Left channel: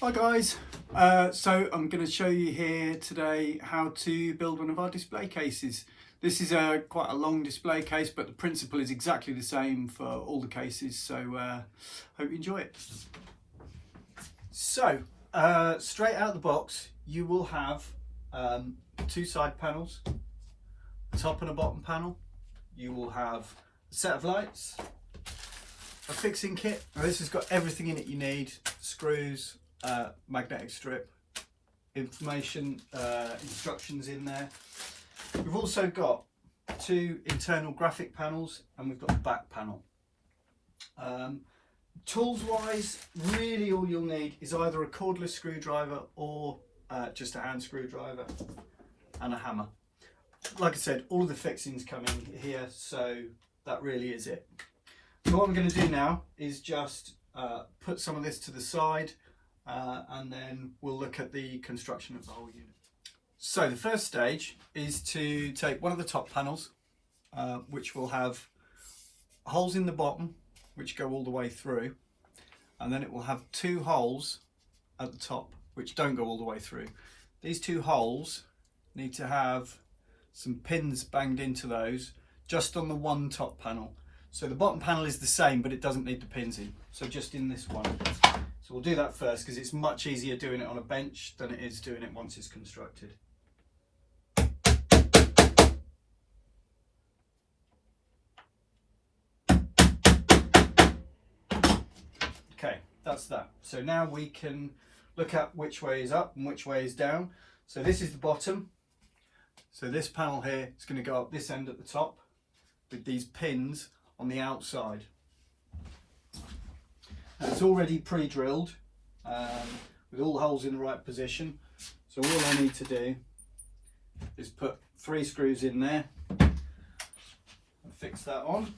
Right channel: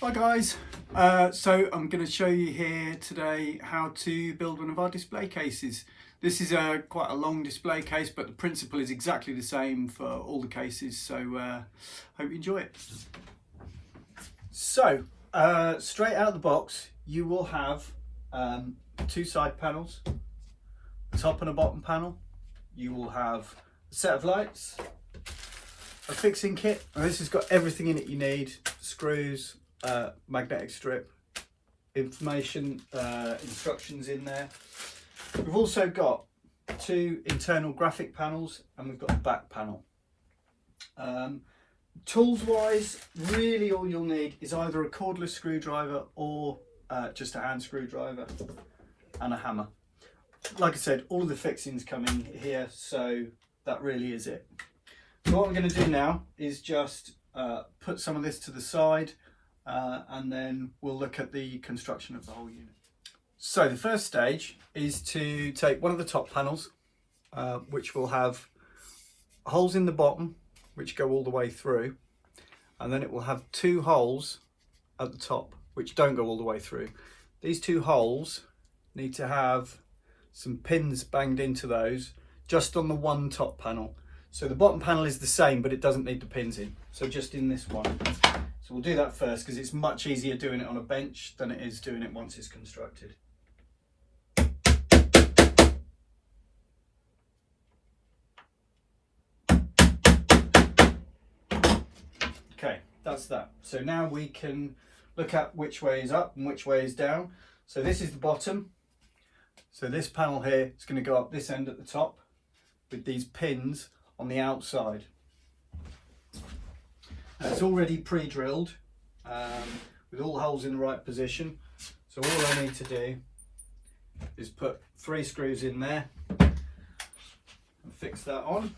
Hi guys, so I'm going to show you here today how to build one of our display cases. This is quite a long display case, but the principle is exactly the same for all the cases, so hope you enjoy it. So straight out of the box you will have two side panels, a top and a bottom panel. You will have a set of lights, a fixing kit, and this has got everything in it you need: screws, magnetic strip, information, instructions in there. We've also got two internal graphic panels and we've got a back panel. Tools wise, really all you'll need is either a cordless screwdriver or just a hand screwdriver and a hammer. Like I said, all of the fixings come in here, so that really is it. So what I'm going to do now is just put some of this to the side, and then we'll look at the construction of the whole unit. So the first stage is to take one of the top panels, which will have holes in the bottom which go all the way through, and then it will have two holes at the top which don't go all the way through. These two holes need to have some pins banged into those just on the one top panel. So the bottom panel is the same, but it doesn't need the pins in, so just in this one. So we'll do that first because it's much easier doing it on a bench than it is doing it once it's constructed. Okay, that's that. So now we can look at which way is up and which way is down. So this is the bottom. So this panel here is going to go up this end at the top with these pins on the outside. Now it's already pre-drilled with all holes in the right position. So all I need to do is put 3 screws in there and fix that on.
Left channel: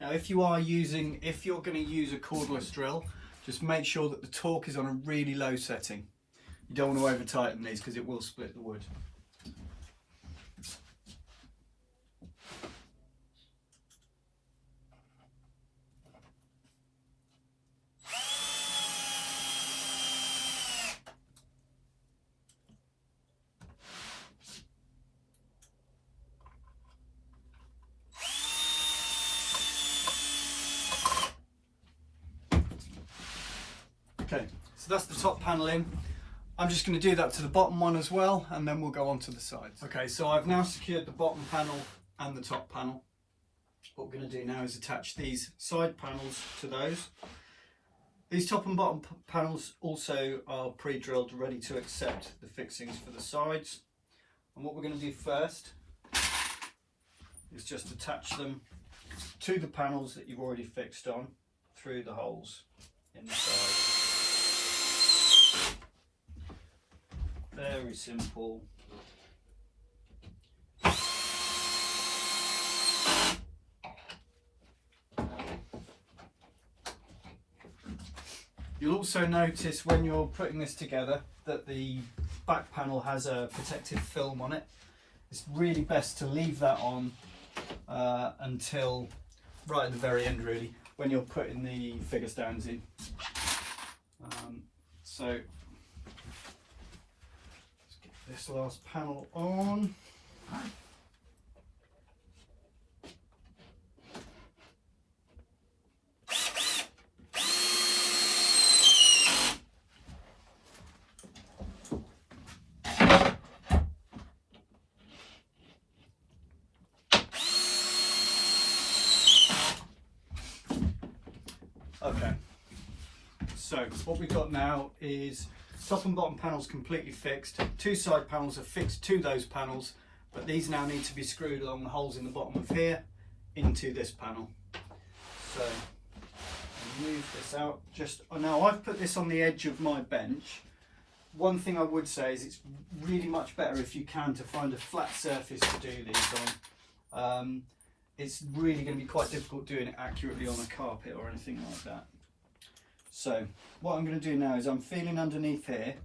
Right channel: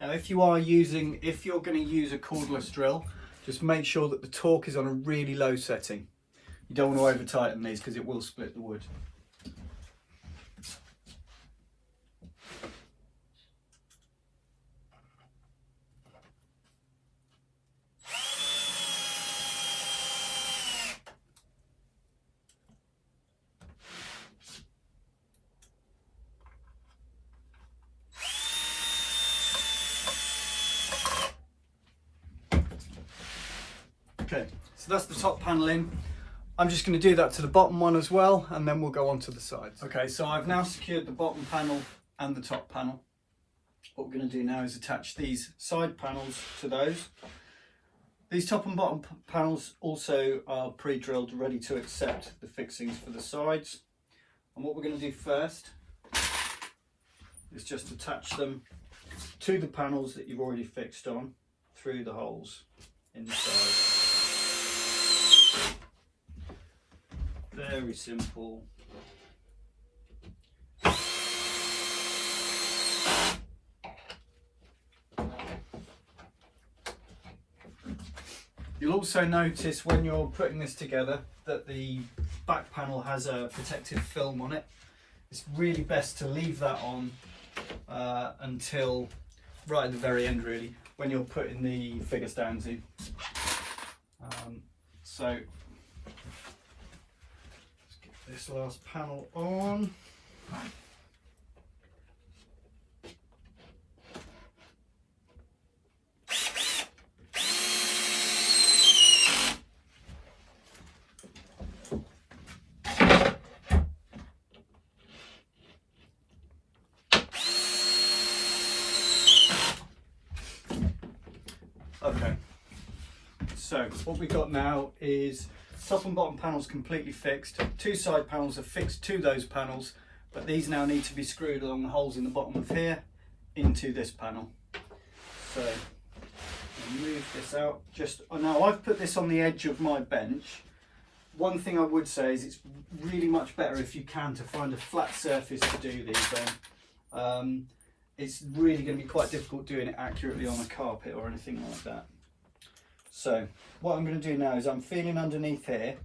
Now if you're going to use a cordless drill, just make sure that the torque is on a really low setting. You don't want to over tighten these because it will split the wood. Okay, so that's the top panel in. I'm just going to do that to the bottom one as well, and then we'll go on to the sides. Okay, so I've now secured the bottom panel and the top panel. What we're going to do now is attach these side panels to those. These top and bottom panels also are pre-drilled, ready to accept the fixings for the sides. And what we're going to do first is just attach them to the panels that you've already fixed on through the holes in the side. Very simple. You'll also notice when you're putting this together that the back panel has a protective film on it. It's really best to leave that on until right at the very end, really, when you're putting the figure stands in. So let's get this last panel on. Okay, so what we've got now is top and bottom panels completely fixed. 2 side panels are fixed to those panels, but these now need to be screwed along the holes in the bottom of here into this panel. So move this out. Now I've put this on the edge of my bench. One thing I would say is it's really much better if you can to find a flat surface to do these on. It's really going to be quite difficult doing it accurately on a carpet or anything like that. So what I'm going to do now is I'm feeling underneath here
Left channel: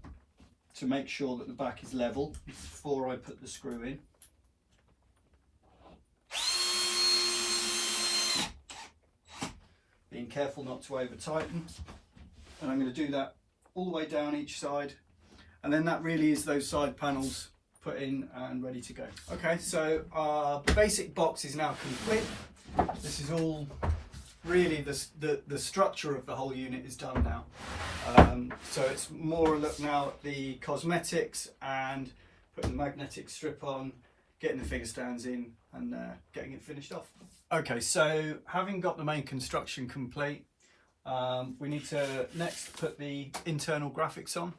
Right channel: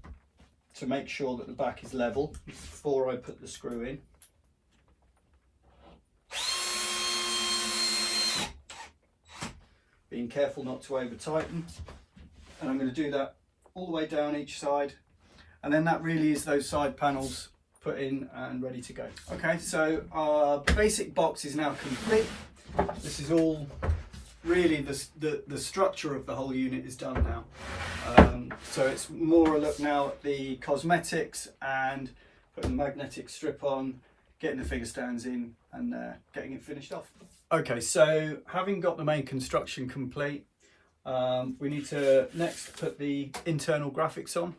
to make sure that the back is level before I put the screw in. being careful not to over tighten. And I'm going to do that all the way down each side, and then that really is those side panels put in and ready to go. Okay, so our basic box is now complete. This is all really the structure of the whole unit is done now. So it's more a look now at the cosmetics and putting the magnetic strip on, getting the figure stands in, and getting it finished off. Okay, so having got the main construction complete, we need to next put the internal graphics on.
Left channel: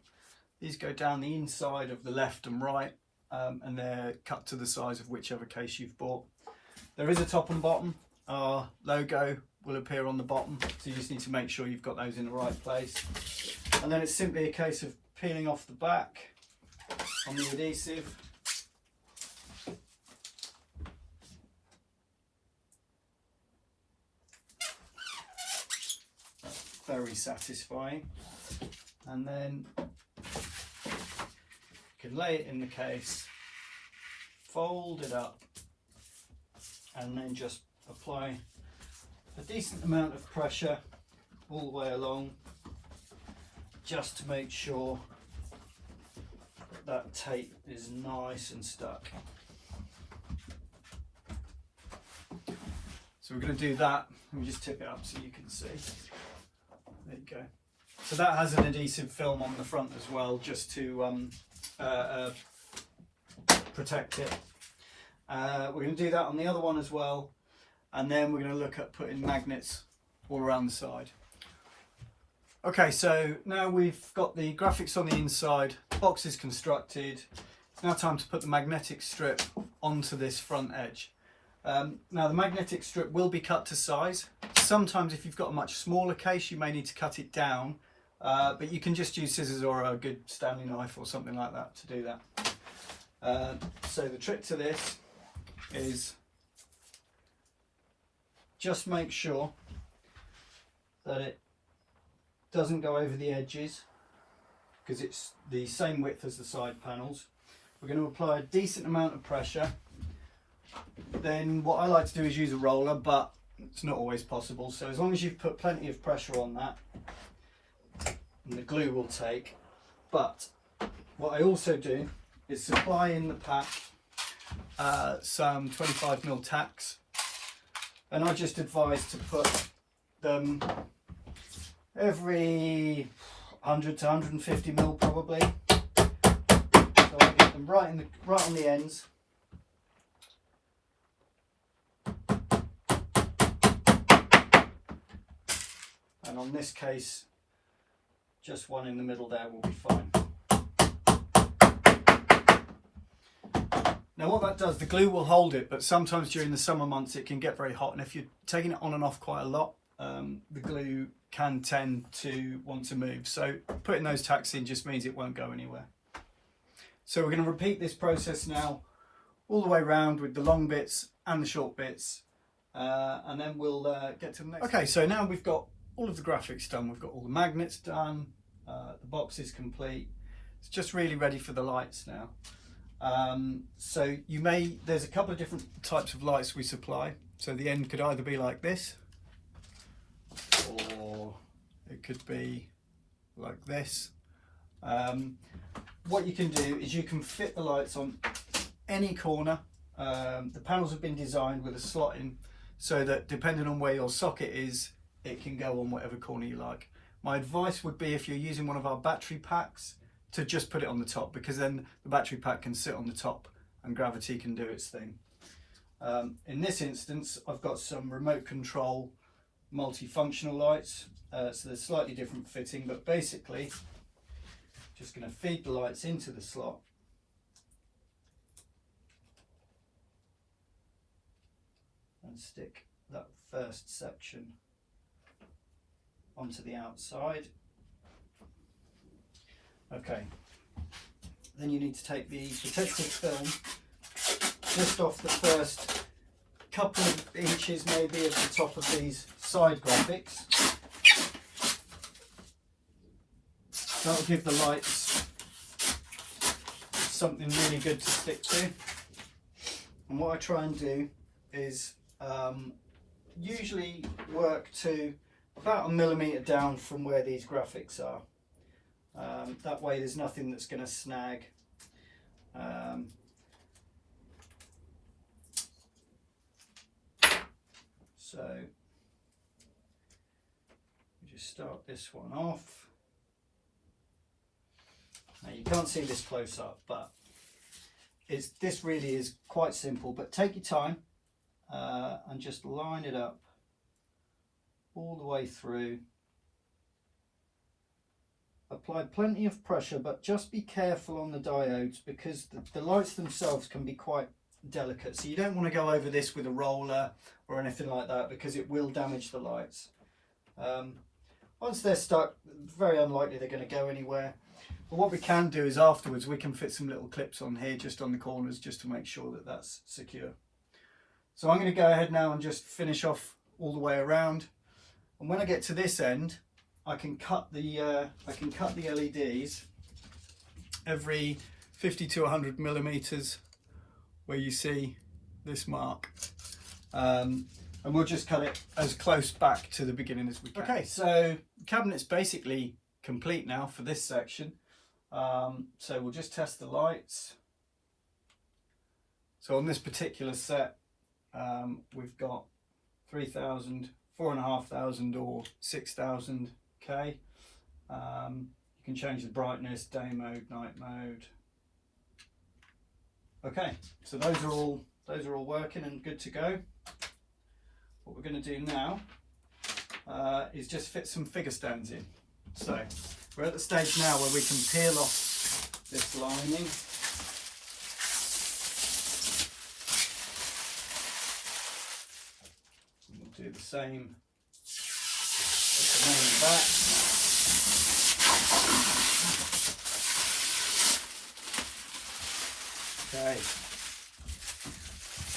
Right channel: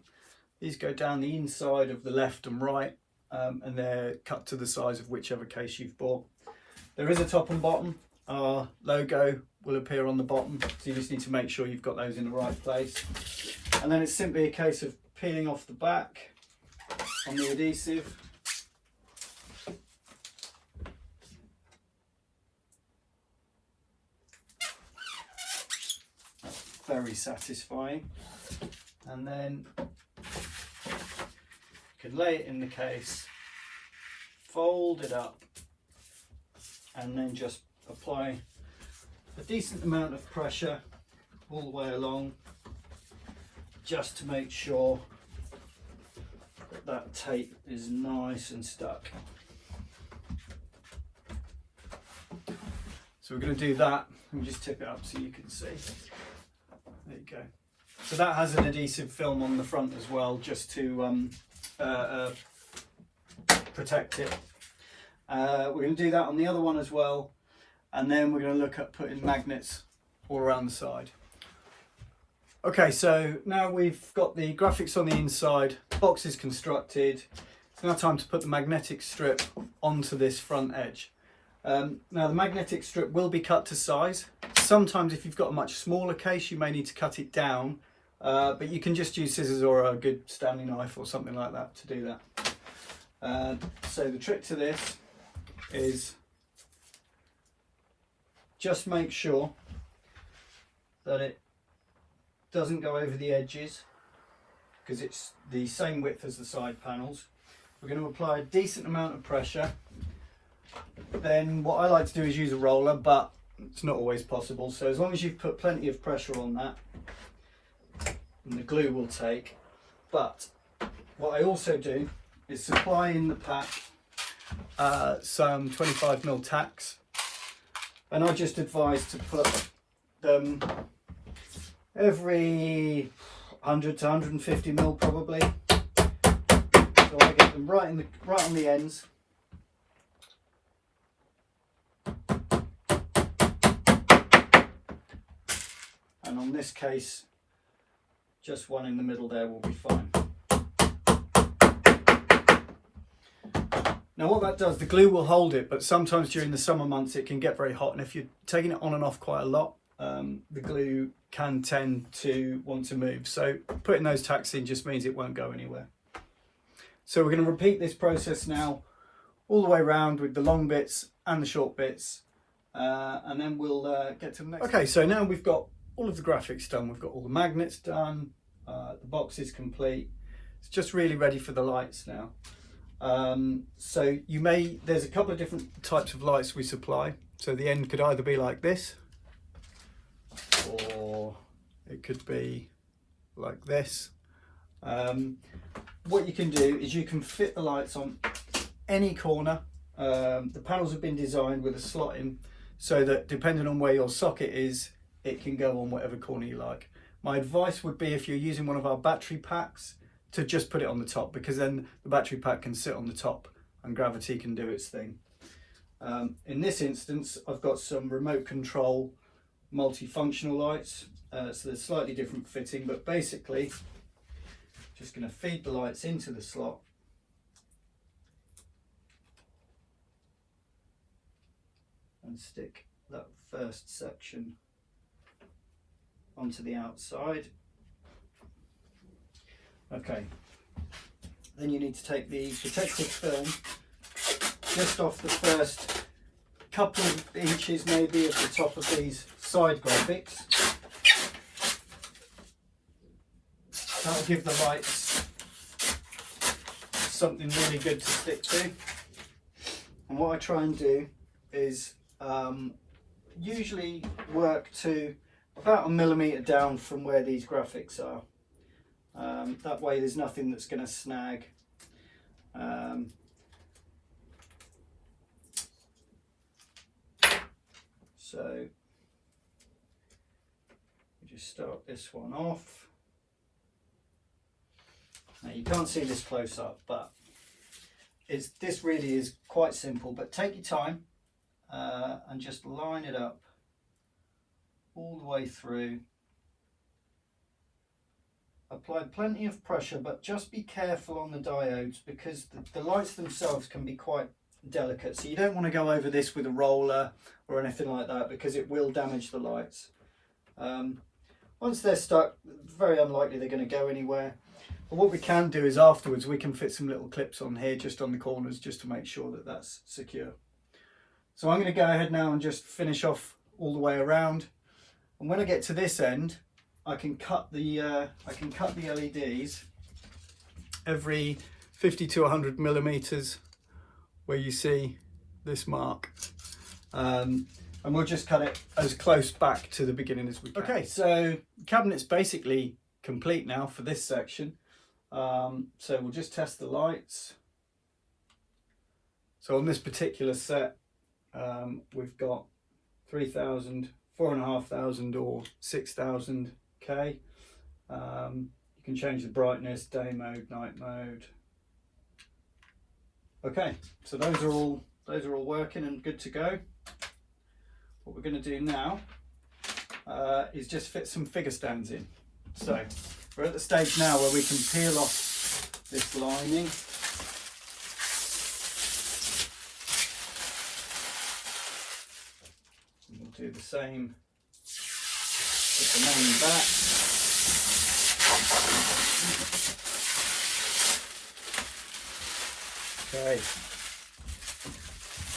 These go down the inside of the left and right, and they're cut to the size of whichever case you've bought. There is a top and bottom. Our logo will appear on the bottom, so you just need to make sure you've got those in the right place. And then it's simply a case of peeling off the back on the adhesive. Very satisfying. And then you can lay it in the case, fold it up, and then just apply a decent amount of pressure all the way along, just to make sure that that tape is nice and stuck. So we're going to do that. Let me just tip it up so you can see. There you go. So that has an adhesive film on the front as well, just to protect it. We're going to do that on the other one as well, and then we're going to look at putting magnets all around the side. Okay, so now we've got the graphics on the inside, box is constructed. It's now time to put the magnetic strip onto this front edge. Now the magnetic strip will be cut to size. Sometimes if you've got a much smaller case, you may need to cut it down, but you can just use scissors or a good Stanley knife or something like that to do that. So the trick to this is just make sure that it doesn't go over the edges, because it's the same width as the side panels. We're going to apply a decent amount of pressure. Then what I like to do is use a roller, but it's not always possible. So as long as you've put plenty of pressure on that, and the glue will take. But what I also do is supply in the pack some 25mm tacks, and I just advise to put them every 100 to 150mm probably. So I get them right on the ends. And on this case, just one in the middle there will be fine. Now what that does, the glue will hold it, but sometimes during the summer months it can get very hot, and if you're taking it on and off quite a lot, the glue can tend to want to move. So putting those tacks in just means it won't go anywhere. So we're going to repeat this process now all the way around with the long bits and the short bits, and then we'll get to the next. Okay, so now we've got all of the graphics done, we've got all the magnets done, the box is complete. It's just really ready for the lights now. So there's a couple of different types of lights we supply. So the end could either be like this, or it could be like this. What you can do is you can fit the lights on any corner. The panels have been designed with a slot in, so that depending on where your socket is, it can go on whatever corner you like. My advice would be, if you're using one of our battery packs, to just put it on the top, because then the battery pack can sit on the top and gravity can do its thing. In this instance, I've got some remote control multifunctional lights, so there's slightly different fitting, but basically just going to feed the lights into the slot, and stick that first section onto the outside. Okay, then you need to take the protective film just off the first couple of inches maybe at the top of these side graphics. That'll give the lights something really good to stick to. And what I try and do is usually work to about 1 millimetre down from where these graphics are. That way there's nothing that's going to snag. So we just start this one off. Now you can't see this close up, but this really is quite simple, but take your time and just line it up all the way through. Apply plenty of pressure, but just be careful on the diodes, because the lights themselves can be quite delicate, so you don't want to go over this with a roller or anything like that, because it will damage the lights. Once they're stuck, very unlikely they're going to go anywhere. But what we can do is afterwards we can fit some little clips on here, just on the corners, just to make sure that that's secure. So I'm going to go ahead now and just finish off all the way around, and when I get to this end I can cut the LEDs every 50 to 100 millimeters where you see this mark, and we'll just cut it as close back to the beginning as we can. Okay, so the cabinet's basically complete now for this section. So we'll just test the lights. So on this particular set, we've got 3,000, 4,500 or 6,000 K. You can change the brightness, day mode, night mode. Okay, so those are all working and good to go. What we're going to do now is just fit some figure stands in. So we're at the stage now where we can peel off this lining. And we'll do the same with the main back. Okay,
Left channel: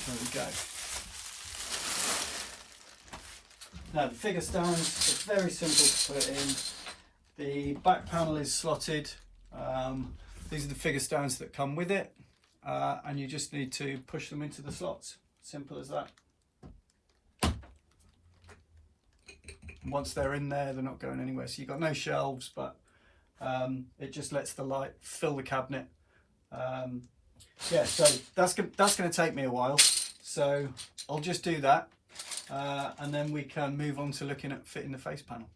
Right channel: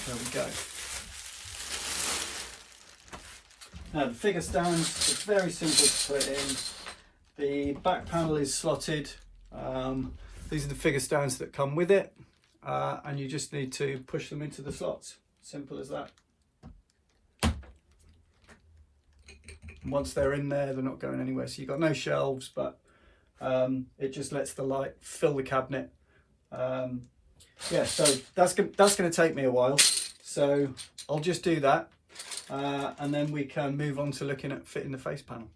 there we go. Now the figure stands, it's very simple to put in. The back panel is slotted. These are the figure stands that come with it, and you just need to push them into the slots. Simple as that. And once they're in there, they're not going anywhere. So you've got no shelves, but it just lets the light fill the cabinet. Yeah, so that's going to take me a while. So I'll just do that, and then we can move on to looking at fitting the face panel.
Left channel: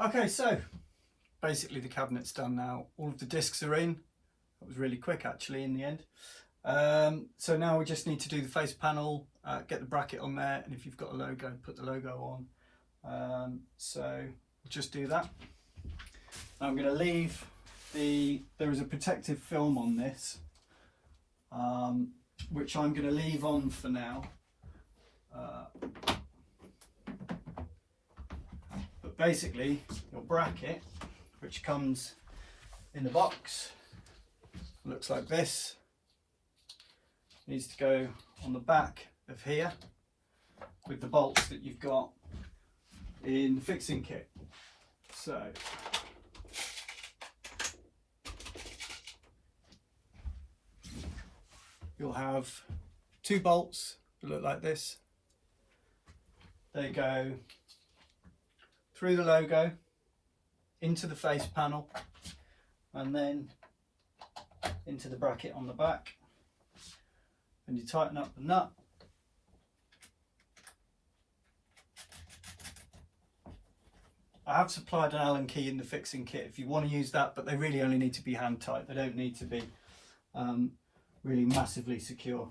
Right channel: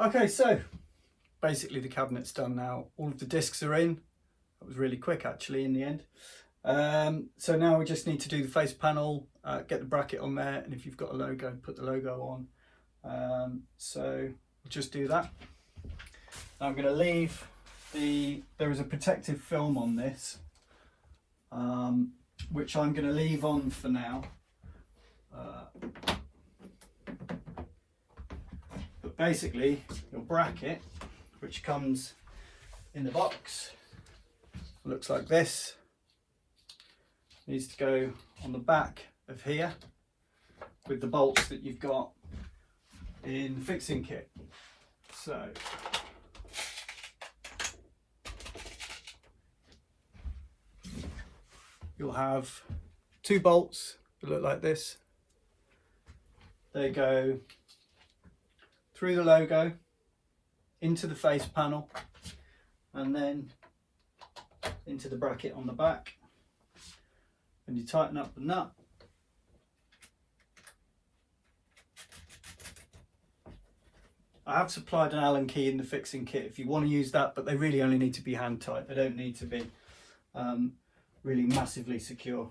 Okay, so basically the cabinet's done now. All of the discs are in. That was really quick actually in the end. So now we just need to do the face panel, get the bracket on there, and if you've got a logo, put the logo on. So we'll just do that. I'm going to leave there is a protective film on this, which I'm going to leave on for now. But basically your bracket, which comes in the box, looks like this, needs to go on the back of here with the bolts that you've got in the fixing kit. So you'll have two bolts that look like this. They go through the logo into the face panel and then into the bracket on the back, and you tighten up the nut. I have supplied an Allen key in the fixing kit if you want to use that, but they really only need to be hand tight. They don't need to be really massively secure.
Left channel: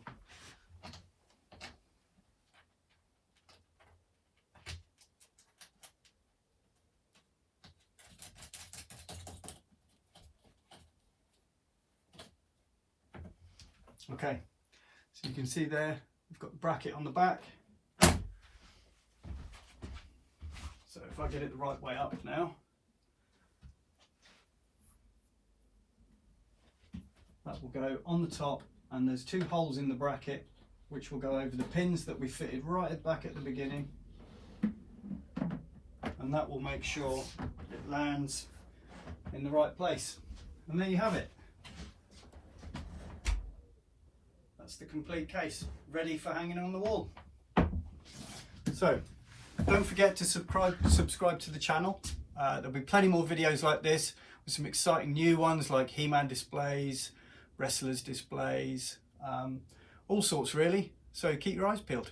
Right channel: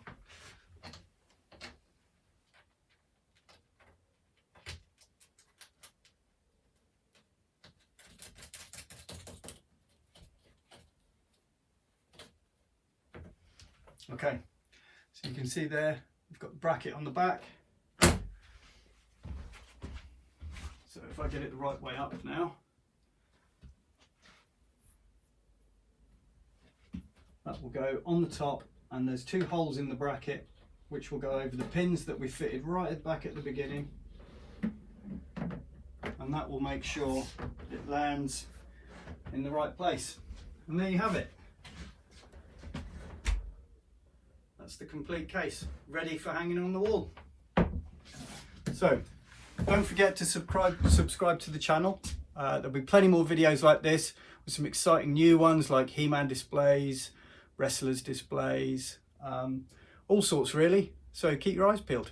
Okay, So you can see there, we've got the bracket on the back. So if I get it the right way up now, that will go on the top, and there's 2 holes in the bracket which will go over the pins that we fitted right at the back at the beginning, and that will make sure it lands in the right place. And there you have it. That's the complete case, ready for hanging on the wall. So don't forget to subscribe to the channel. There'll be plenty more videos like this with some exciting new ones like He-Man displays, wrestlers displays, all sorts really. So keep your eyes peeled.